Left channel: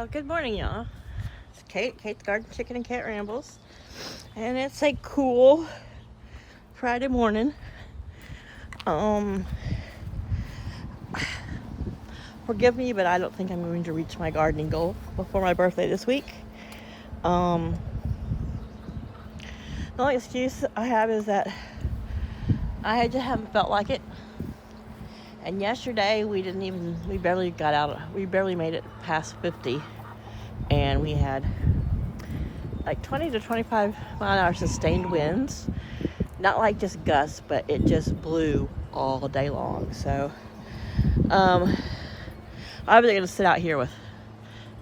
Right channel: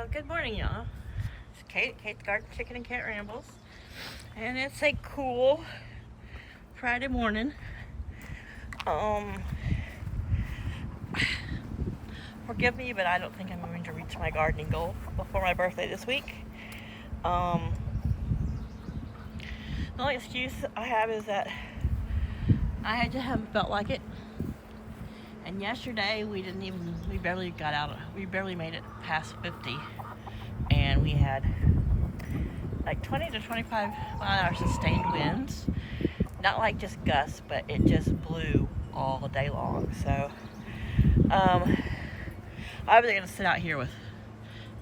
Well, good morning, y'all. It's Kate's Garden Chicken and Cat Rambles. And it's a cool Friday morning. Forgive me, but I don't think I'm going to reach my gardening goal before my birthday this week. The only excuse I have is that I just haven't felt like it. And yesterday we barely made it past 50. And we had like 20 to 25 mile an hour sustained winds. Not like just gusts, but it just blew all day long. So, I was going to sit out here with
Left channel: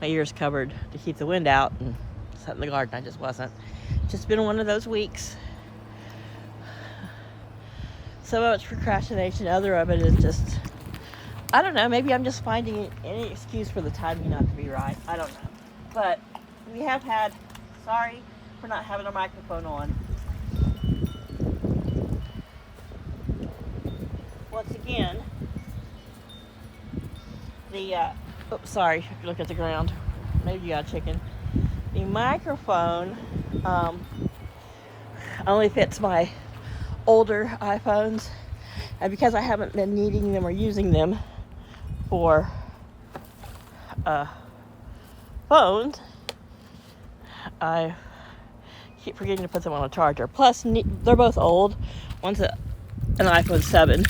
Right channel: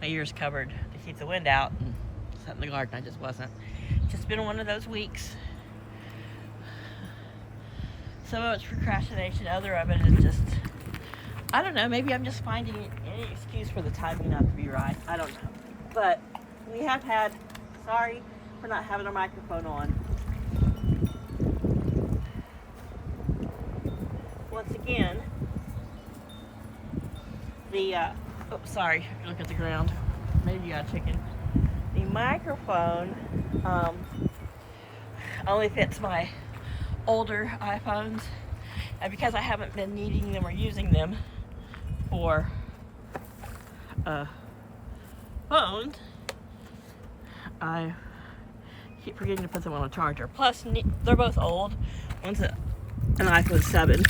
my ears covered to keep the wind out and sit in the garden. I just wasn't. Just been one of those weeks. Some of it's procrastination, other of it is just, I don't know, maybe I'm just finding any excuse for the timing not to be right. I don't know. But we have had, sorry for not having our microphone on. Once again, sorry, if you look at the ground, maybe you got a chicken. The microphone only fits my older iPhones, and because I haven't been needing them or using them for phones, I keep forgetting to put them on a charger. Plus, they're both old. One's an iPhone 7,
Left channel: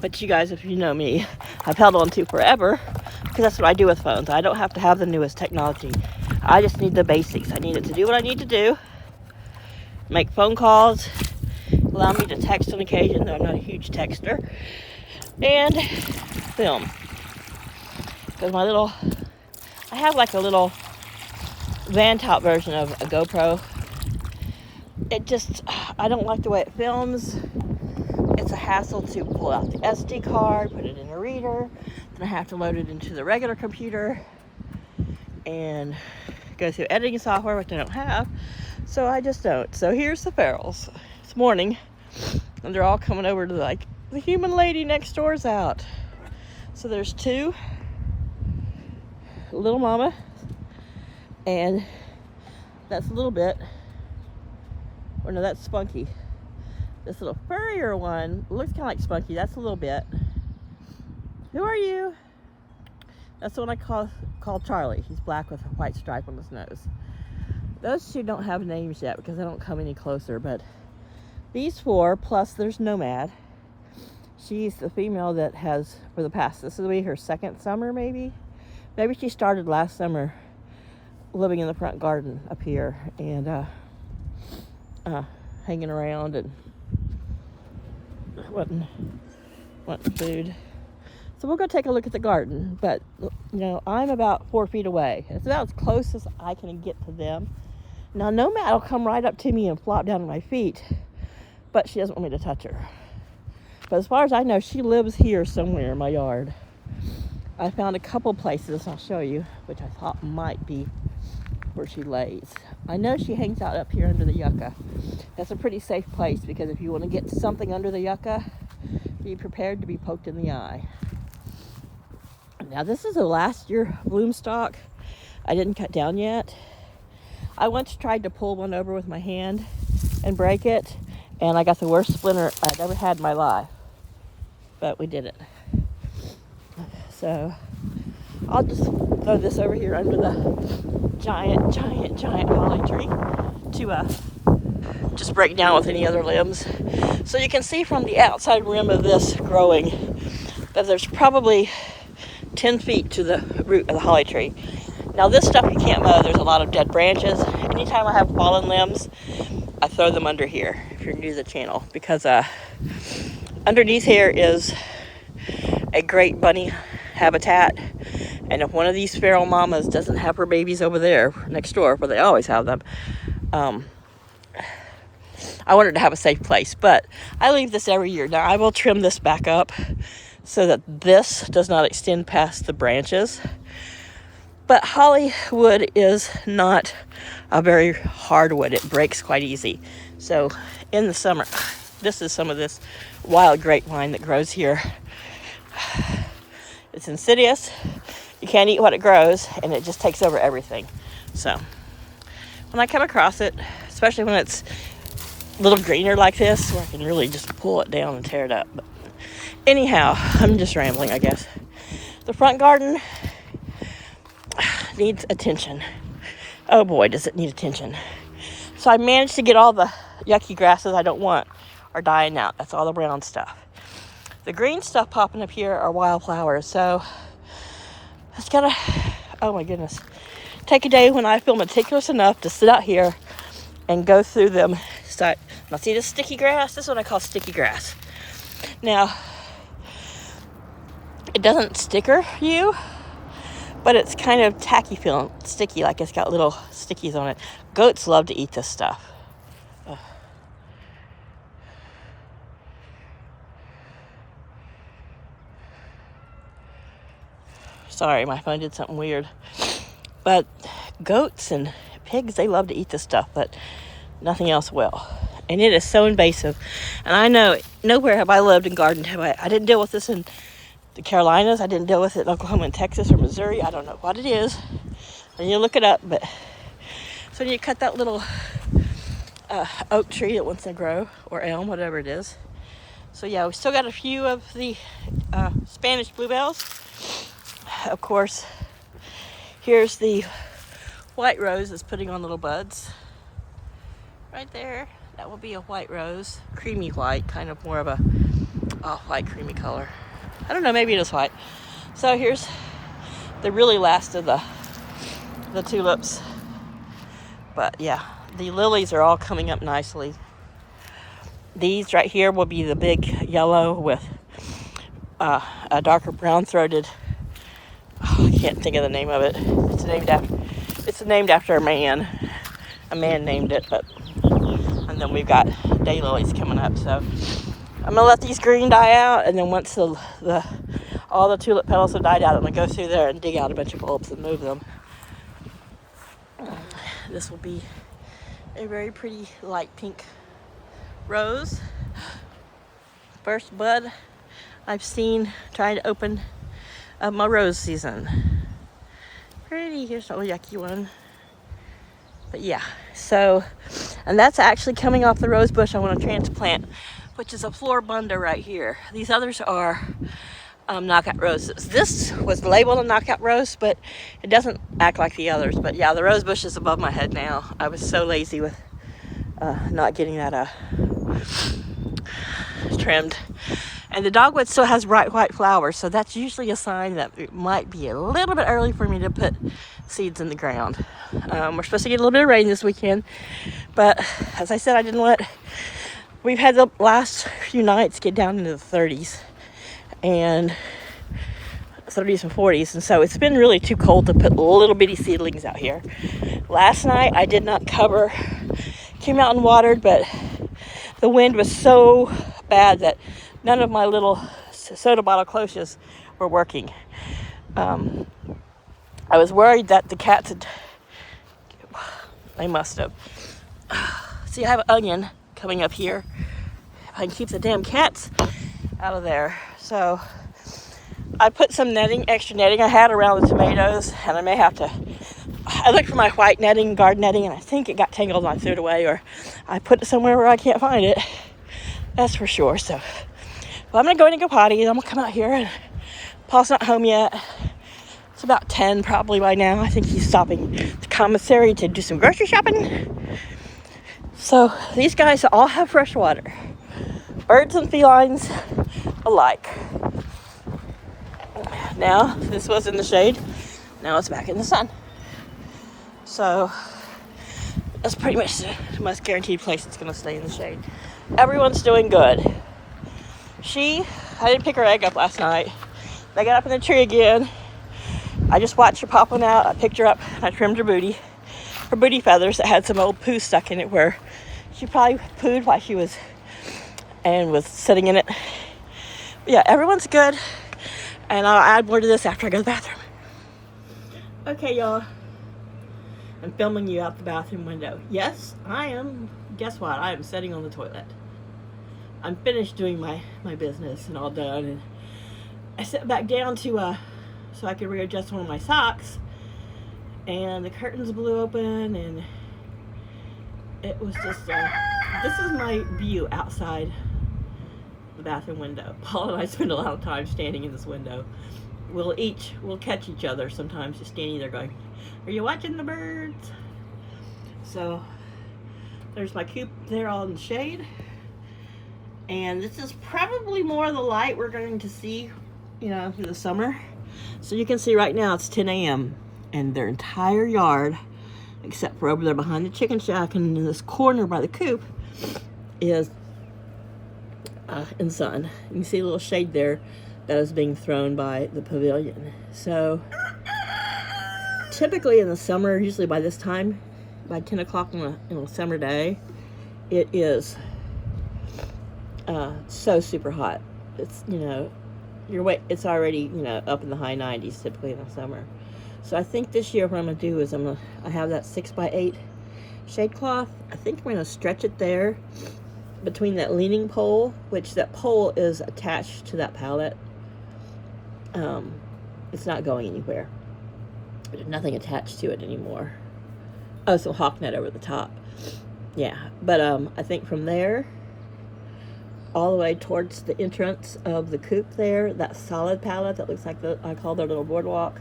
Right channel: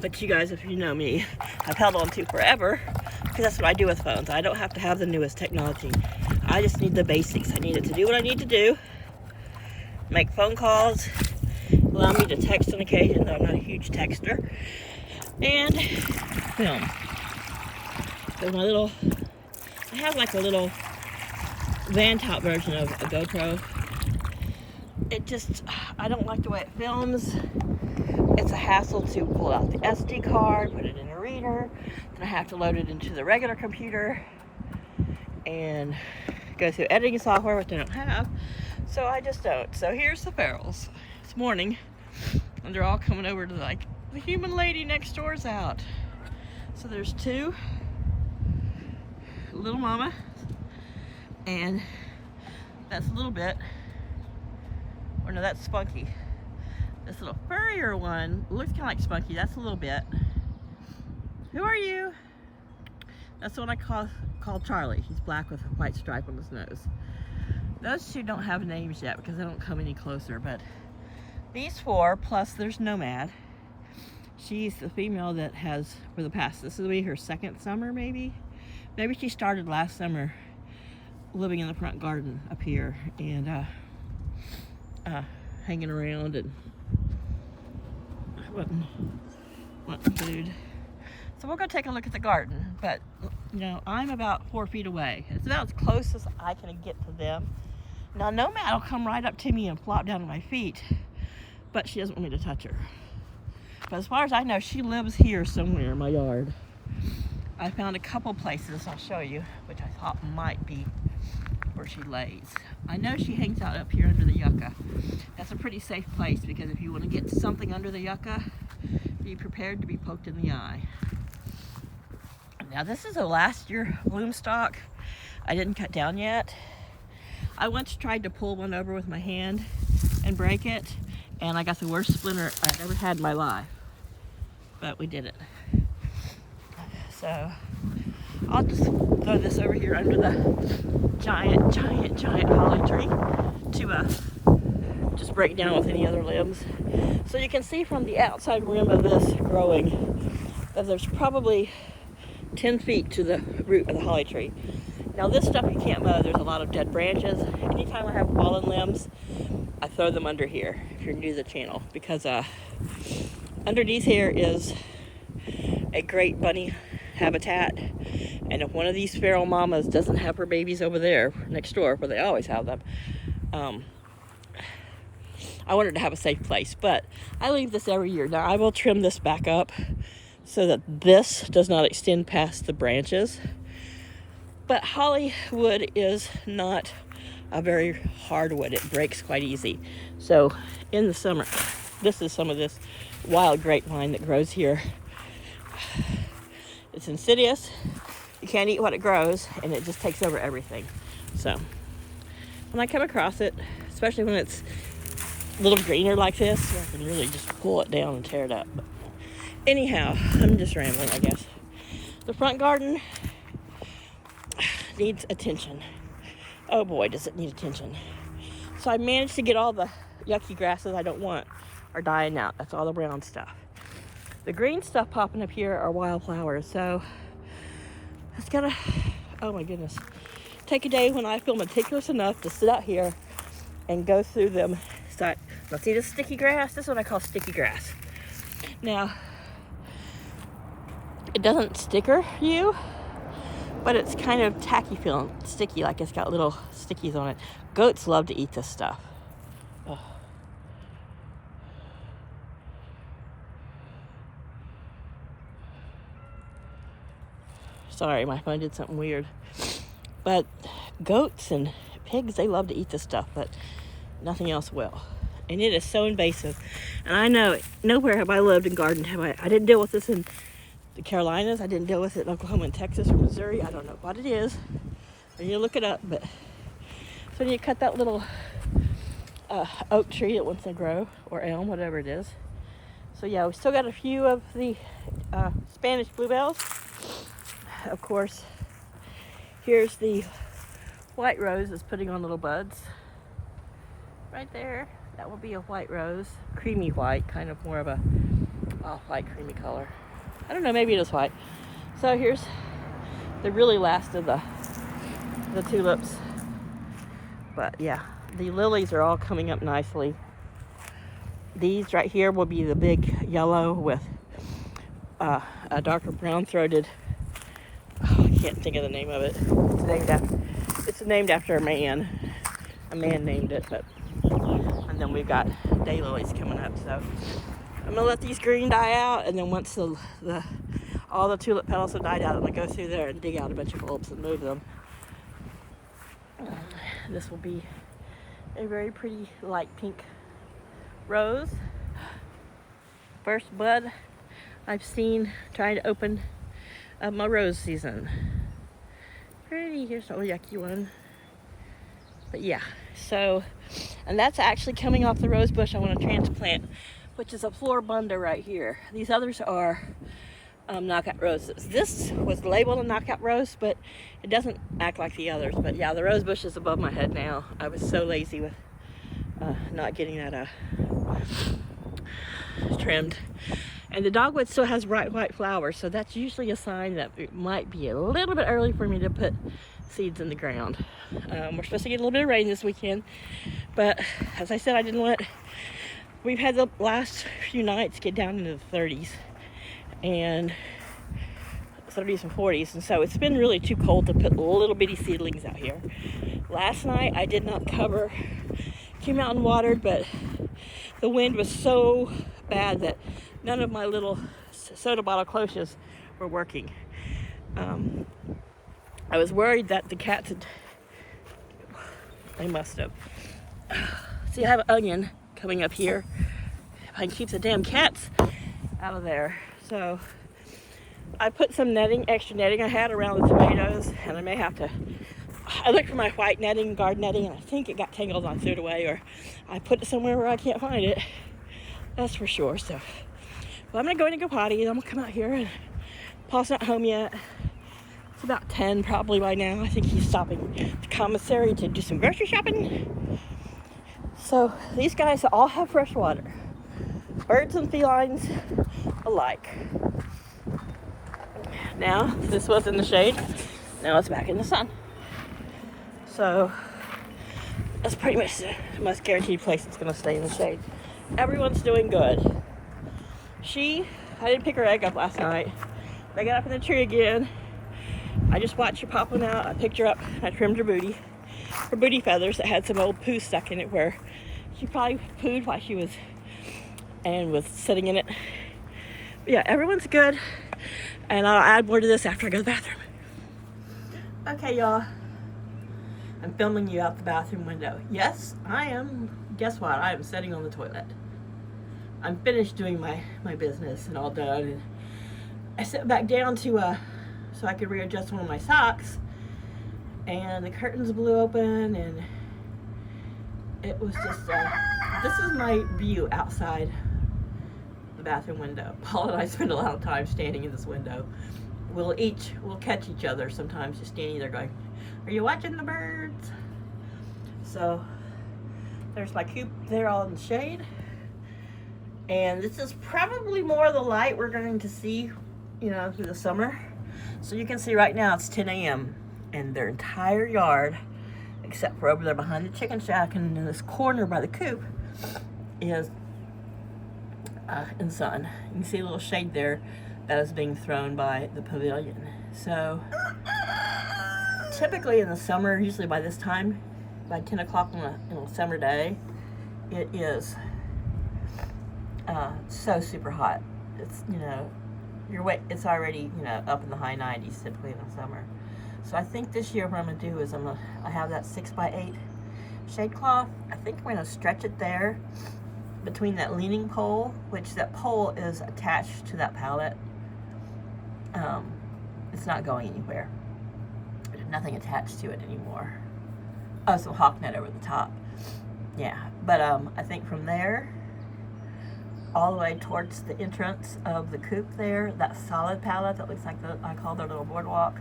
which you guys, if you know me, I've held on to forever because that's what I do with phones. I don't have to have the newest technology. I just need the basics. I need it to do what I need to do, make phone calls, allow me to text on occasion, though I'm not a huge texter, and film. So I have like a little van-top version of a GoPro. I don't like the way it films. It's a hassle to pull out the SD card, put it in a reader, then I have to load it into the regular computer and go through editing software, which I don't have, so I just don't. So here's the ferals. It's morning, and they're all coming over to the human lady next door's out. So there's two, little mama, and that's a little bit, or no, that's Spunky. This little furrier one looks kind of like Spunky. That's a little bit. Who are you? That's the one I call Charlie. He's black with a white stripe on his nose. Those two don't have names yet because they don't come any closer, but these four, plus there's Nomad. She's the female that has, this will be her second summer maybe. Maybe she started last summer living in the front garden up here and hanging around and wanting food. So we'll go take a look at the garden, but I'm about 4 feet away. It's about as close as I can get to them. Now Nomad will come right up to me and flop down at my feet, but she doesn't want me to touch her. But as far as I know, she lives here somewhere in my yard. I found a couple places I'll show you, which I thought might be where she lays. I know she hangs out up here under the yucca. That's a pretty safe place because if you want to get something under the yucca, be prepared to be poked in the eye. Now this is a last year bloom stalk I didn't cut down yet. I once tried to pull one over with my hand and break it, and I got the worst splinter I've ever had in my life. But we did it. So I'll just throw this over here under the giant holly tree to just break down with any other limbs. So you can see from the outside rim of this growing that there's probably 10 feet to the root of the holly tree. Now this stuff you can't mow. There's a lot of dead branches. Anytime I have fallen limbs, I throw them under here if you're new to the channel, because underneath here is a great bunny habitat, and if one of these feral mamas doesn't have her babies over there next door where they always have them, I wanted to have a safe place. But I leave this every year. Now I will trim this back up so that this does not extend past the branches, but holly wood is not a very hard wood. It breaks quite easy. So in the summer, this is some of this wild grapevine that grows here. It's insidious. You can't eat what it grows, and it just takes over everything. So when I come across it, especially when it's a little greener like this, where I can really just pull it down and tear it up. But anyhow, I'm just rambling, I guess. The front garden needs attention. Oh boy, does it need attention. So I managed to get all the yucky grasses I don't want are dying out. That's all the brown stuff. The green stuff popping up here are wildflowers. So it's gotta, oh my goodness, take a day when I feel meticulous enough to sit out here and go through them. Now see this sticky grass? This is what I call sticky grass. Now, it doesn't sticker you, but it's kind of tacky feeling, sticky, like it's got little stickies on it. Goats love to eat this stuff. Ugh. Sorry, my phone did something weird. But goats and pigs, they love to eat this stuff, but nothing else will. And it is so invasive. And I know nowhere have I lived and gardened have I didn't deal with this in the Carolinas. I didn't deal with it in Oklahoma and Texas or Missouri. I don't know what it is. I need to look it up. But so you cut that little oak tree that wants to grow, or elm, whatever it is. So yeah, we still got a few of the Spanish bluebells. Of course, here's the white rose that's putting on little buds. Right there, that will be a white rose, creamy white, kind of more of a off-white creamy color. I don't know, maybe it is white. So here's the really last of the tulips. But yeah, the lilies are all coming up nicely. These right here will be the big yellow with a darker brown-throated. Oh, I can't think of the name of it. It's named after a man. A man named it, but. And then we've got daylilies coming up. So I'm gonna let these green die out, and then once all the tulip petals have died out, I'm gonna go through there and dig out a bunch of bulbs and move them. This will be a very pretty light pink rose. First bud I've seen trying to open my rose season. Pretty. Here's a little yucky one. But yeah, so, and that's actually coming off the rose bush I want to transplant, which is a floribunda right here. These others are knockout roses. This was labeled a knockout rose, but it doesn't act like the others. But yeah, the rose bush is above my head now. I was so lazy with not getting that trimmed. And the dogwood still has bright white flowers, so that's usually a sign that it might be a little bit early for me to put seeds in the ground. We're supposed to get a little bit of rain this weekend, but as I said, we've had the last few nights get down into the 30s and 30s and 40s, and so it's been really too cold to put little bitty seedlings out here. Last night I did not cover, came out and watered, but the wind was so bad that none of my little soda bottle cloches were working. I was worried that the cats they must have. See, I have an onion coming up here. I can keep the damn cats out of there. So I put some extra netting I had around the tomatoes, and I may have to, I looked for my white netting, garden netting, and I think it got tangled and I threw it away, or I put it somewhere where I can't find it. That's for sure. So, well, I'm gonna go in and go potty, and I'm gonna come out here, and Paul's not home yet. It's about 10 probably by now. I think he's stopping the commissary to do some grocery shopping. So these guys all have fresh water. Birds and felines alike. Now, this was in the shade. Now it's back in the sun. So that's pretty much the most guaranteed place it's going to stay in the shade. Everyone's doing good. I didn't pick her egg up last night. They got up in the tree again. I just watched her popping out. I picked her up. I trimmed her booty feathers that had some old poo stuck in it, where she probably pooed while she was sitting in it. But yeah, everyone's good. And I'll add more to this after I go to the bathroom. Okay, y'all. I'm filming you out the bathroom window. Yes, I am. Guess what? I am sitting on the toilet. I'm finished doing my business and all done. And I sat back down to so I could readjust one of my socks, and the curtains blew open, and it was just this is my view outside the bathroom window. Paul and I spend a lot of time standing in this window. We'll catch each other sometimes just standing there going, "Are you watching the birds?" So there's my coop there all in the shade. And this is probably more of the light we're going to see, you know, through the summer. So you can see right now it's 10 a.m. and their entire yard, except for over there behind the chicken shack and in this corner by the coop, is in sun. You can see a little shade there that is being thrown by the pavilion. So typically in the summer, usually by this time, by 10 o'clock on a summer day, it is so super hot. It's, you know, it's already, you know, up in the high 90s typically in the summer. So I think this year what I'm gonna do is I have that 6x8 shade cloth. I think I'm gonna stretch it there between that leaning pole, which that pole is attached to that pallet. It's not going anywhere. There's nothing attached to it anymore. Oh, some hawk net over the top. Yeah, but I think from there all the way towards the entrance of the coop there, that solid pallet that looks like I call their little boardwalk,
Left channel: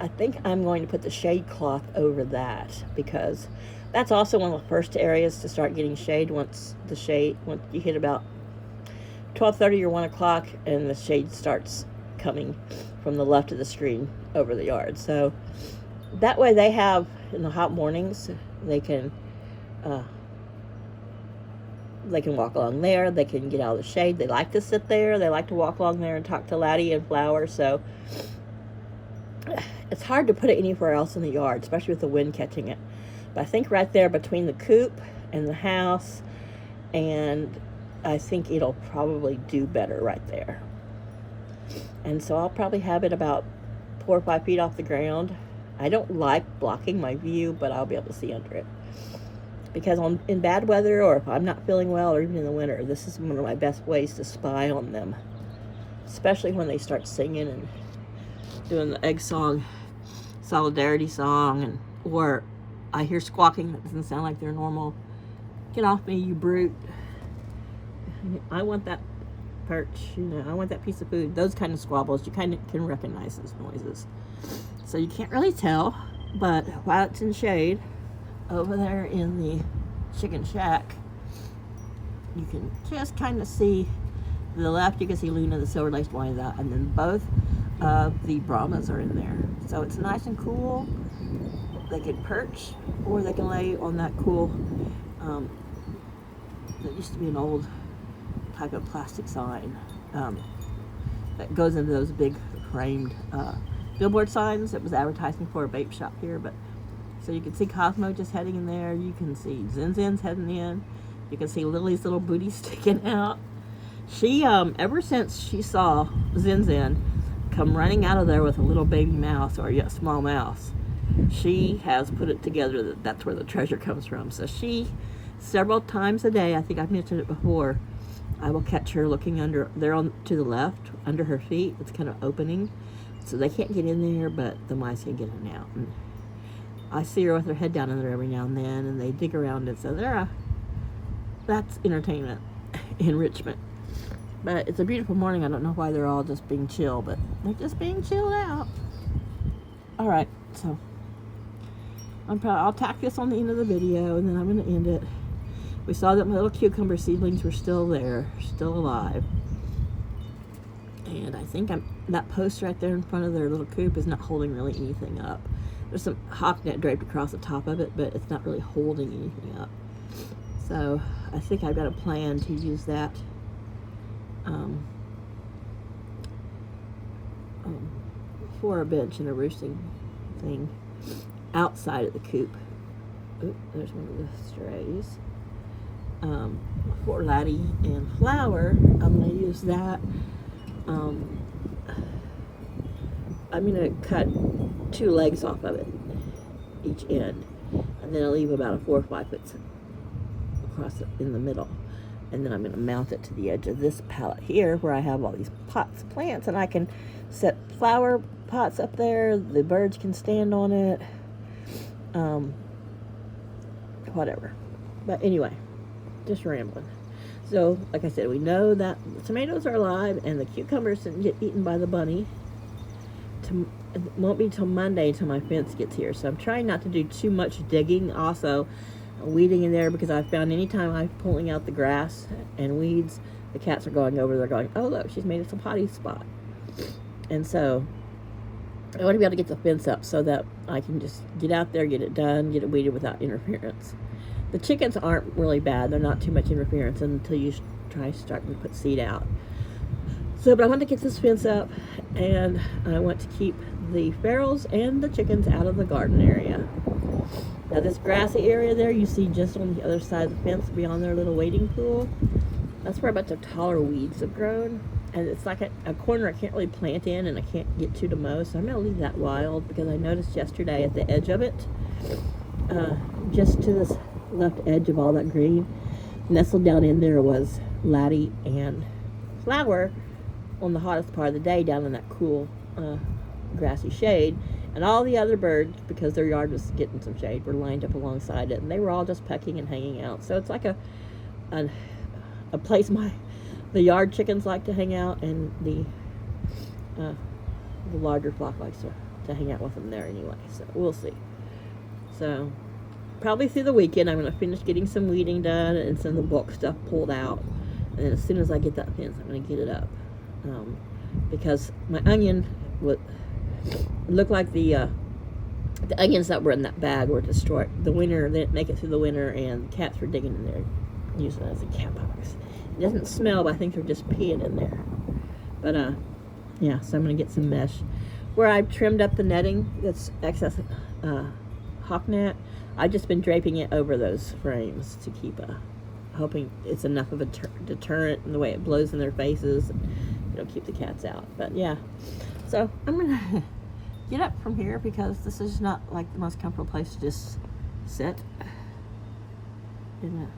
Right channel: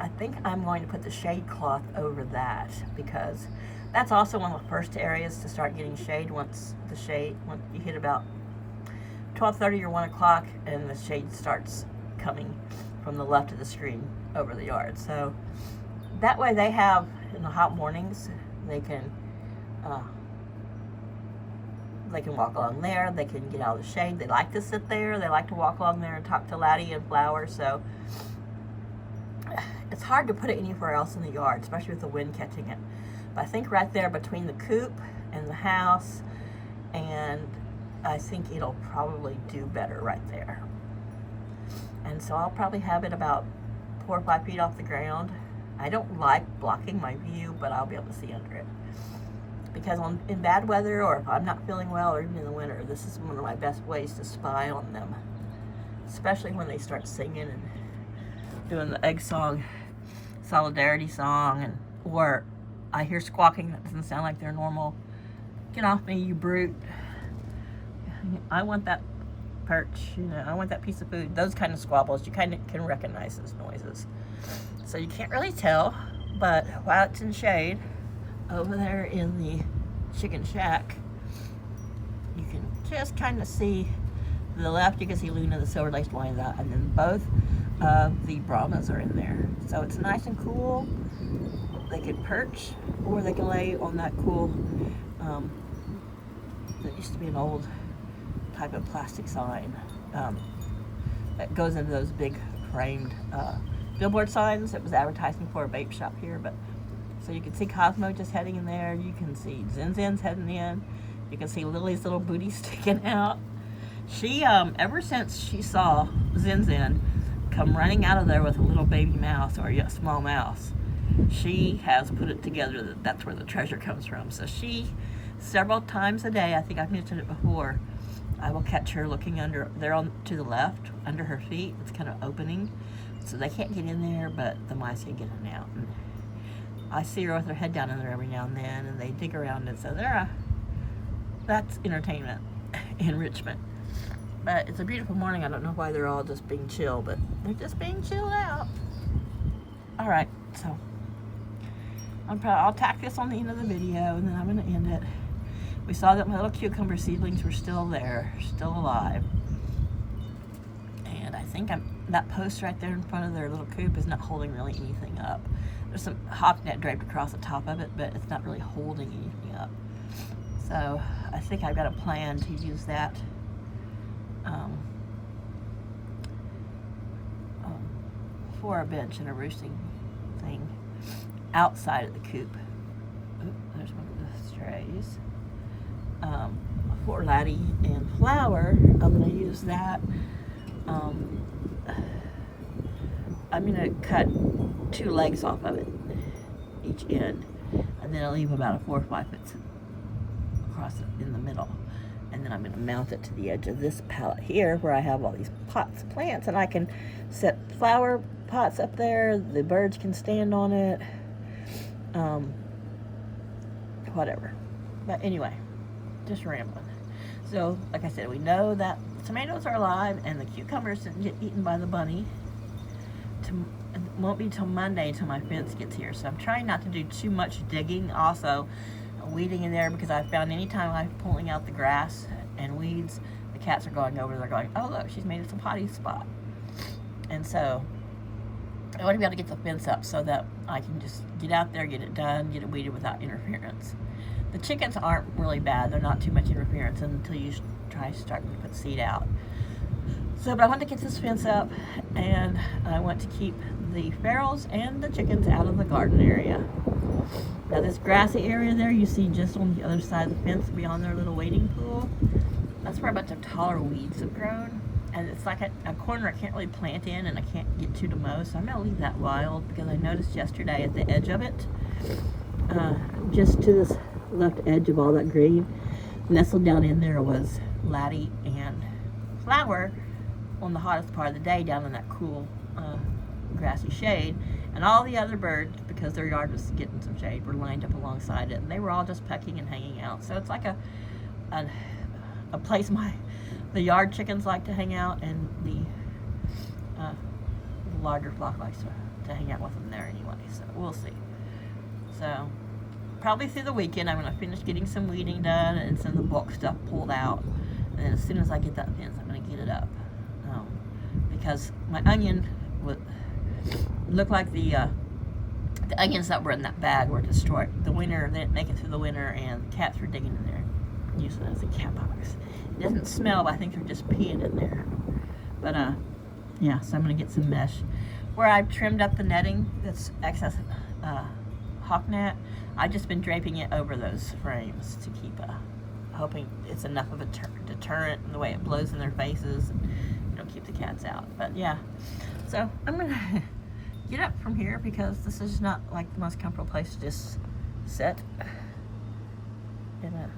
I think I'm going to put the shade cloth over that, because that's also one of the first areas to start getting shade once you hit about 12:30 or 1 o'clock and the shade starts coming from the left of the screen over the yard. So that way they have, in the hot mornings, they can walk along there. They can get out of the shade. They like to sit there. They like to walk along there and talk to Laddie and Flower. So it's hard to put it anywhere else in the yard, especially with the wind catching it. But I think right there between the coop and the house, and I think it'll probably do better right there. And so I'll probably have it about 4 or 5 feet off the ground. I don't like blocking my view, but I'll be able to see under it. Because in bad weather, or if I'm not feeling well, or even in the winter, this is one of my best ways to spy on them. Especially when they start singing and doing the egg song, solidarity song, or I hear squawking that doesn't sound like they're normal. Get off me, you brute. I want that perch, you know, I want that piece of food. Those kind of squabbles, you kind of can recognize those noises. So you can't really tell, but while it's in shade, over there in the chicken shack, you can just kind of see, to the left you can see Luna the silver-laced Wyandotte, and then both of the Brahmas are in there. So it's nice and cool. They can perch, or they can lay on that cool, that used to be an old type of plastic sign that goes into those big framed billboard signs that was advertising for a vape shop here. But so you can see Cosmo just heading in there. You can see Zin Zin's heading in. You can see Lily's little booty sticking out. She, ever since she saw Zin Zin come running out of there with a little baby mouse, or a small mouse, she has put it together that that's where the treasure comes from. So she, several times a day, I think I've mentioned it before, I will catch her looking under there to the left, under her feet. It's kind of opening, so they can't get in there, but the mice can get in and out. And I see her with her head down in there every now and then, and they dig around it. So that's entertainment, enrichment. But it's a beautiful morning. I don't know why they're all just being chill, but they're just being chilled out. All right, so I'll tack this on the end of the video, and then I'm going to end it. We saw that my little cucumber seedlings were still there, still alive. And I think that post right there in front of their little coop is not holding really anything up. There's some hawk net draped across the top of it, but it's not really holding anything up. So I think I've got a plan to use that for a bench and a roosting thing outside of the coop. Oop, there's one of the strays. For Laddie and Flower, I'm going to use that. I'm going to cut 2 legs off of it, each end, and then I'll leave about a 4 or 5 foot across in the middle. And then I'm going to mount it to the edge of this pallet here where I have all these pots of plants, and I can set flower pots up there. The birds can stand on it. Whatever. But anyway, just rambling. So, like I said, we know that the tomatoes are alive and the cucumbers didn't get eaten by the bunny. It won't be till Monday until my fence gets here. So I'm trying not to do too much digging. Also, weeding in there, because I found anytime I'm pulling out the grass and weeds, the cats are going over. They're going, oh, look, she's made us a potty spot. And so I want to be able to get the fence up so that I can just get out there, get it done, get it weeded without interference. The chickens aren't really bad. They're not too much interference until you try starting to put seed out. So, but I want to get this fence up, and I want to keep the ferals and the chickens out of the garden area. Now this grassy area there, you see just on the other side of the fence beyond their little wading pool, that's where a bunch of taller weeds have grown. And it's like a corner I can't really plant in and I can't get to mow, so I'm going to leave that wild, because I noticed yesterday at the edge of it, just to this left edge of all that green, nestled down in there was laddie and flower on the hottest part of the day down in that cool grassy shade. And all the other birds, because their yard was getting some shade, were lined up alongside it, and they were all just pecking and hanging out. So it's like a place the yard chickens like to hang out, and the larger flock likes to hang out with them there anyway. So we'll see. So probably through the weekend I'm going to finish getting some weeding done and some of the bulk stuff pulled out. And then as soon as I get that fence, I'm going to get it up. Because my onion would look like the onions that were in that bag were destroyed. The winter, they didn't make it through the winter, and the cats were digging in there, using it as a cat box. It doesn't smell, but I think they're just peeing in there. But yeah, so I'm going to get some mesh. Where I've trimmed up the netting that's excess hawk net, I've just been draping it over those frames to keep hoping it's enough of a deterrent in the way it blows in their faces, and it'll keep the cats out. But yeah, so I'm going to get up from here, because this is not like the most comfortable place to just sit. And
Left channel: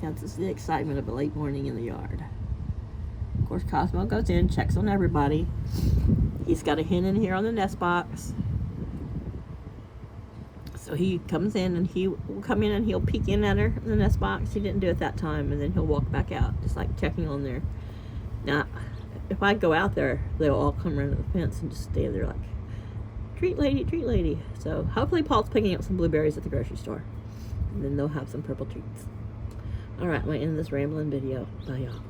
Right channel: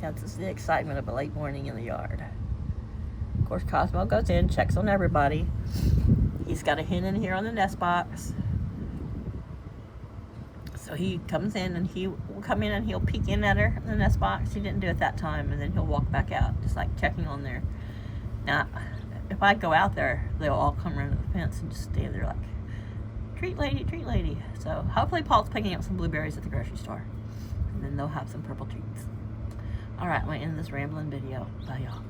that's just the excitement of a late morning in the yard. Of course, Cosmo goes in, checks on everybody. He's got a hen in here on the nest box. So he comes in, and he will come in and he'll peek in at her in the nest box. He didn't do it that time, and then he'll walk back out, just like checking on there. Now, if I go out there, they'll all come around the fence and just stand there like, treat lady, treat lady. So hopefully Paul's picking up some blueberries at the grocery store, and then they'll have some purple treats. All right, I'm going to end this rambling video. Bye, y'all.